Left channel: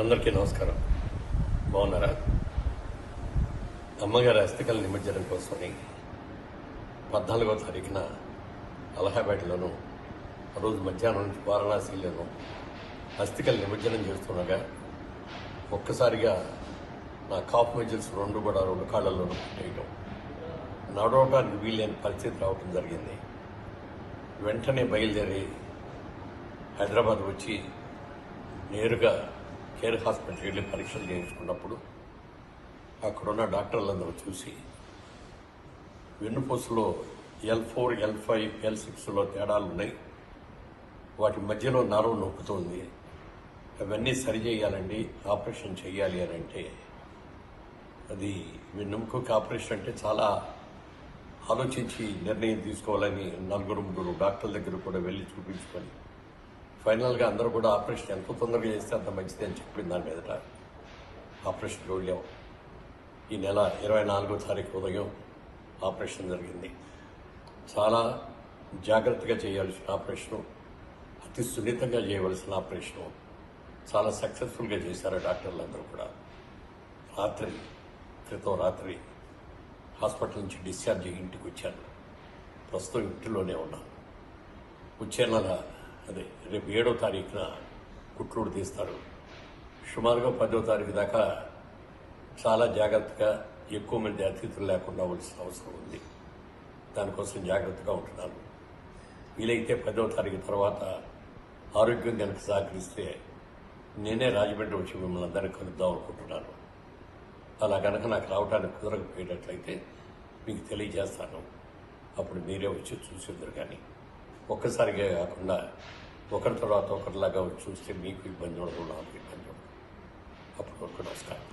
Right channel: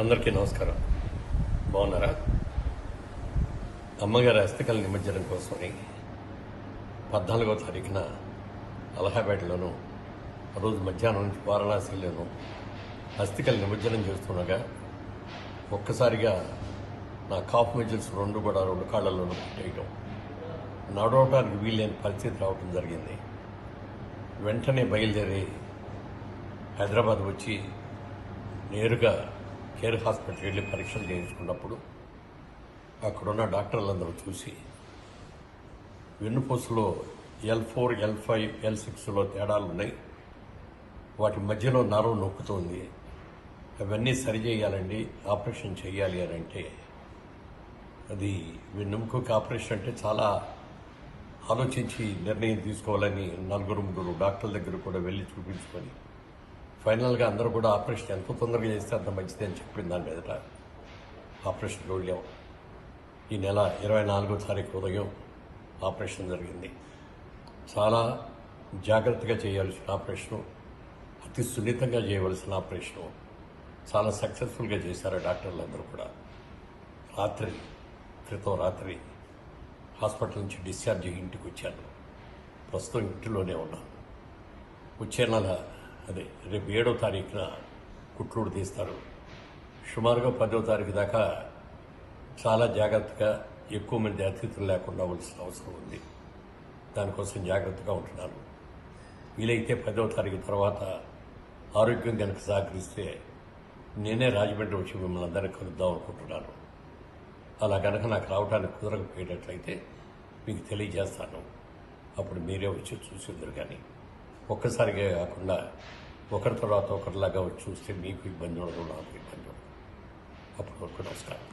అందరికీ నమస్కారం. బాగున్నారా? అమ్మగారి అస్థికల నిమజ్జనం కోసమని పద్నాలుగో తారీఖున అలహాబాద్లోను ఆ రోజు మధ్యాహ్నం వారణాసిలోను అస్థికల నిమజ్జనం చేస్తుండగా ఒక్కసారిగా నా కాఫ్ మజిల్స్ రెండు కూడా రెండు కాళ్ళల్లోనూ వేయడం నడవటానికి వీలైన పరిస్థితి రావడం జరిగింది. వెంటనే బయలుదేరి హైదరాబాద్ వచ్చి నేరుగా కేర్ హాస్పిటల్ వెళ్ళి పరీక్షలు చేయించుకున్నప్పుడు అక్కడున్న డాక్టర్లందరూ చూసి వెన్నుపూసలో L four L five L సిక్స్లో తేడాలు ఉన్నాయి వాటి మధ్యలో నరం నొప్పుతుంది అవన్నీ సరి చేయాలండి ఆపరేషన్ చేయాలి అని అంటే అది వెన్నెముకకి ఆపరేషన్ అంటే చాలా ఆలోచించి నిర్ణయం తీసుకోవాలని నలుగురు ముగ్గురు డాక్టర్ల దగ్గర కూడా వెళ్ళి చూపించుకొని ఫైనల్గా అందరూ కూడా ఆపరేషన్ ఎంత తొందరగా చేస్తే అంత మంచిది అని చెప్పింది దాని మీదట ఆపరేషన్ వెళ్ళాం ఈ నెల ఇరవై నాలుగో తారీఖు ఉదయం ఆపరేషన్ జరిగింది. చాలా జాగ్రత్తగా చేయాల్సిన ఆపరేషన్ అతి సున్నితంగా చేయవలసిన ఆపరేషన్. చాలా సక్సెస్ఫుల్గా చేశారు డాక్టర్లు అందరూ కూడా. రాత్రి క్రితం రాత్రి హాస్పిటల్ నుంచి డిశ్చార్జ్ అయ్యి ఇంటికి వచ్చాను. ప్రస్తుతం ఇంటిలోనే ఉన్నాను. వచ్చే నెల అదే రేపు ఏడో తారీఖున కుట్రూడు తీస్తారు. సుమారుగా పదో తారీఖు దాకా చాలా జాగ్రత్తగా ఎక్కువ మంది అతిథులు లేకుండా ఉండాల్సిన అవసరం ఉంది. దానికోసం జాగ్రత్తగా ఉంటున్నాను. వీలైతే పదో తారీఖు తర్వాత ఆరోగ్యం కనుక సహకరిస్తే నేనే రాజమండ్రి వచ్చి మిమ్మల్ని అందరినీ కలుద్దాం అనుకుంటున్నాను. అలా కనుక నాకు రావడానికి కుదరకపోయేటట్లయితే మీకు తెలియజేస్తాను. అప్పుడు మీరే వచ్చి చూసి కానీ. ఒక్కసారిగా కాకుండా ఒకరి తర్వాత ఒకరిలాగా వచ్చి చూస్తే మీకు ఇబ్బంది ఉండదు నాకు ఇబ్బంది ఉండదు. అప్పుడు వరకు నమస్కారం